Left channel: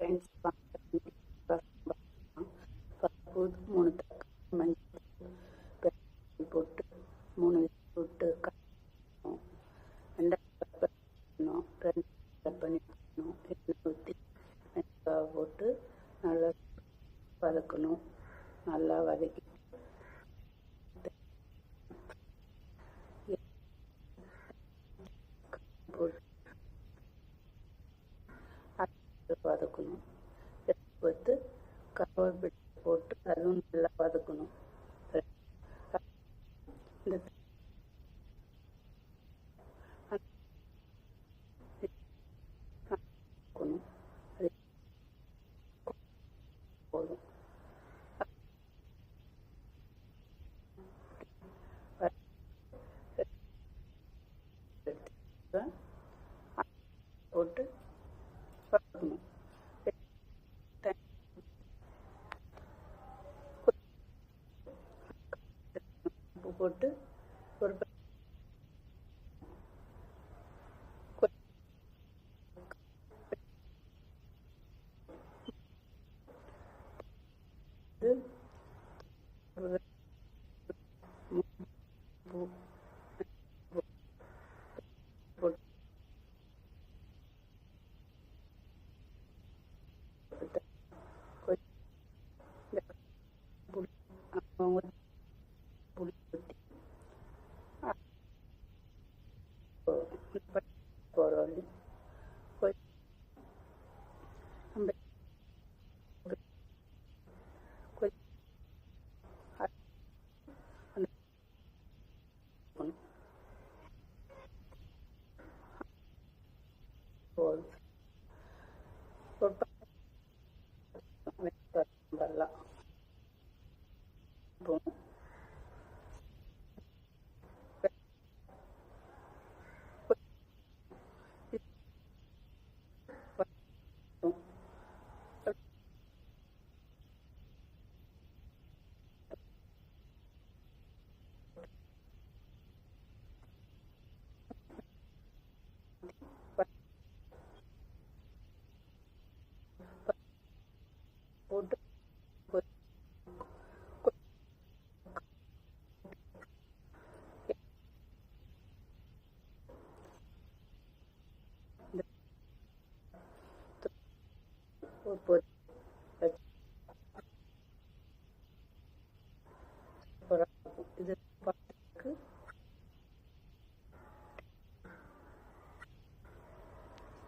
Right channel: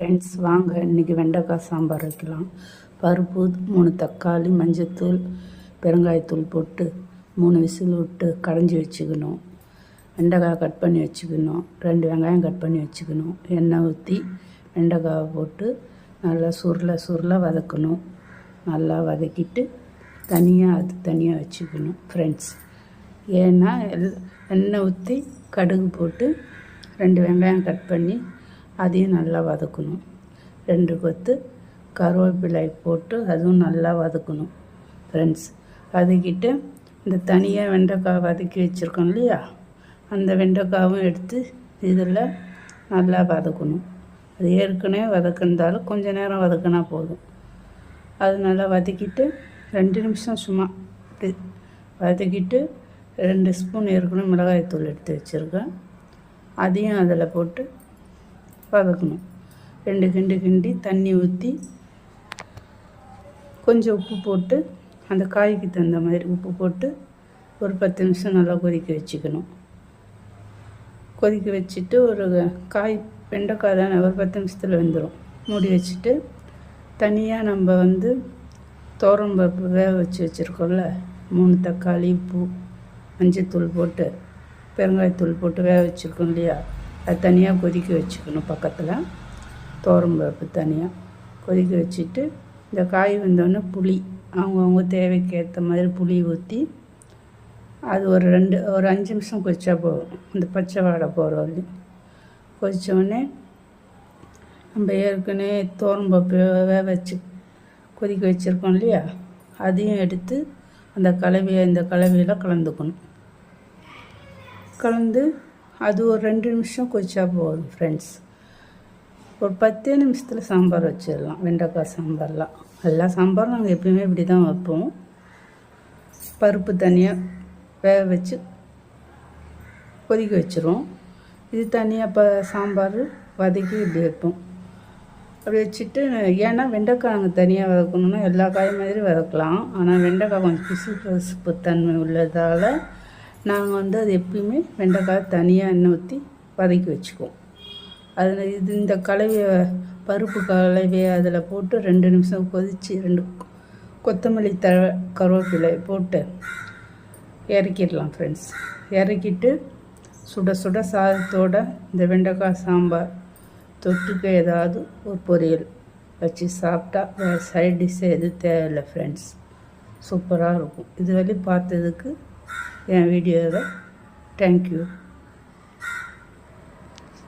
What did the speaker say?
Friends வாங்க இன்றைக்கி வெண்டைக்காய் சாம்பார் வைக்கலாம். பருப்பு, 3 தக்காளி, மஞ்சத்தூள், பெருங்காயத்தூள் போட்டு 3 விசில் விட்டு கடைஞ்சி வச்சுக்கணும். வெண்டைக்காய் கட் பண்ணி வச்சுக்கணும். 2 வெங்காயம் கட் பண்ணி வச்சுக்கணும். எண்ணெய் ஊற்றி வெண்டைக்காயை போட்டு நல்லா சுருள வதக்கணும். நல்லா வதக்கிட்டு தனியாக வச்சுக்கணும் ஃப்ரெண்ட்ஸ். ஏன்னா எண்ணெய் ஊற்றி கடுகு போட்டு 2 வெங்காயம் கட் பண்ணி அதையும் நல்லா வதக்கணும். 2 கொத்து கருவேப்பிலை போட்டு அதுவும் நல்லா வதக்கணும் ஃப்ரெண்ட்ஸ். வதக்கிட்டு இந்த தனியாக வெண்டைக்காய் வதக்கி வச்சுருக்கோம் இல்லையா, அந்த வெண்டைக்காயும் எடுத்து இதில் நல்லா வதக்கணும். அது ஏற்கனவே வதக்கிருந்தாலும் கொஞ்சம் நேரம் வதக்கினா போதும். அது நல்லா வதக்கிட்டு 2 நிமிஷம் சும்மா வதக்கிட்டு 2 ஸ்பூன் ஏற்கனவே மிளகாய்த்தூள் எடுத்து வச்சுருக்கேன், அதையும் அதில் போட்டு வதக்கணும். 2 கிண்டி தண்ணி ஊற்றி கொஞ்சம் உப்பு போட்டு அந்த காய்க்கு தகுந்த மாதிரி உப்பு போட்டு ஒரு 10 நிமிஷம் நல்லா கொதிக்க வச்சுக்கணும். கொதிக்க வச்சுட்டு ஒரு காய் வெண்டைக்காய் தானே ஒரு 10 நிமிஷத்தில் வெந்துடும். மூடி வச்சுட்டு தனியாக நம்ம துவரம்பருப்பு வேக வச்சு வச்சுருக்கோம்ல, 3 தக்காளி, உப்பு, மஞ்சத்தூள் போட்டு பெருங்காயத்தூள் போட்டு வேக வச்சுருக்கோம் இல்லையா, அது தனியாக கொதிக்க வச்சுக்கணும். பக்கத்தில் துவரம்பருப்பு தனியாக கொதிக்க வச்சுட்டு இந்த காய் வந்தோடனே புளி அவங்கவுங்க தேவைக்கு ஏற்ற மாதிரி புளி ஊற்றி அது ஒரு 5 நிமிஷம் கொதிச்சா போதும். அந்த பச்சை வாடை போகிற வரையும் கொதித்தோடனே நம்ம ஏற்கனவே துவரம்பருப்பு வேக வச்சு கொதிக்க வச்சுருக்கோம் இல்லையா, அதையும் எடுத்து இந்த கலவையில் கலந்துக்கணும். கலந்து அது ஒரு 2 நிமிஷம் கொதிச்சா போதும் ஃப்ரெண்ட்ஸ். ஒரு 10 நிமிஷத்தில் சாம்பார் வச்சிடலாம். வெண்டைக்காய் சாம்பார்லாம் எல்லா சாம்பாரும் நாங்கள் எப்பயுமே இப்படி தான் வைப்போம். பருப்பு தனியாக வேக வச்சு கொதிக்க வச்சுருவோம். இது தனியாக சாம்பார் வதக்கி இப்படி வைப்போம். அப்படி வச்சுட்டு ஏன்னா வெண்டைக்காய் நாங்கள் தனியாக வதக்கணுன்னா எல்லா காய் மாதிரி வதக்கலாம். ஆனால் வெண்டைக்காய் கொஞ்சம் பிசுப்பு தன்மை உள்ளதால் நாங்கள் அது எப்பயுமே வெண்டைக்காய் தனியாக எண்ணெய் ஊற்றி வதக்கி வச்சுக்குவோம். அதில் இந்த பருப்பு கலவையை அதில் போட்டு 2 நிமிஷம் கொதித்து 2 கொத்தமல்லி கருவேப்பிலை போட்டு இறக்கிடலாம் ஃப்ரெண்ட்ஸ். இறக்கிட்டு சுட சாதத்தோடு இந்த வெண்டைக்காய் சாம்பார் தொட்டுக்க ஏதாவது ஒரு பொரியல் வச்சு சாப்பிட்டா வேறு சைட் டிஷ்ஷு எதுவும் தேவையில்லை ஃப்ரெண்ட்ஸ். சூப்பராக இருக்கும். இது வரையும் பார்த்ததுக்கு என் வீடியோவை தேங்க்யூ.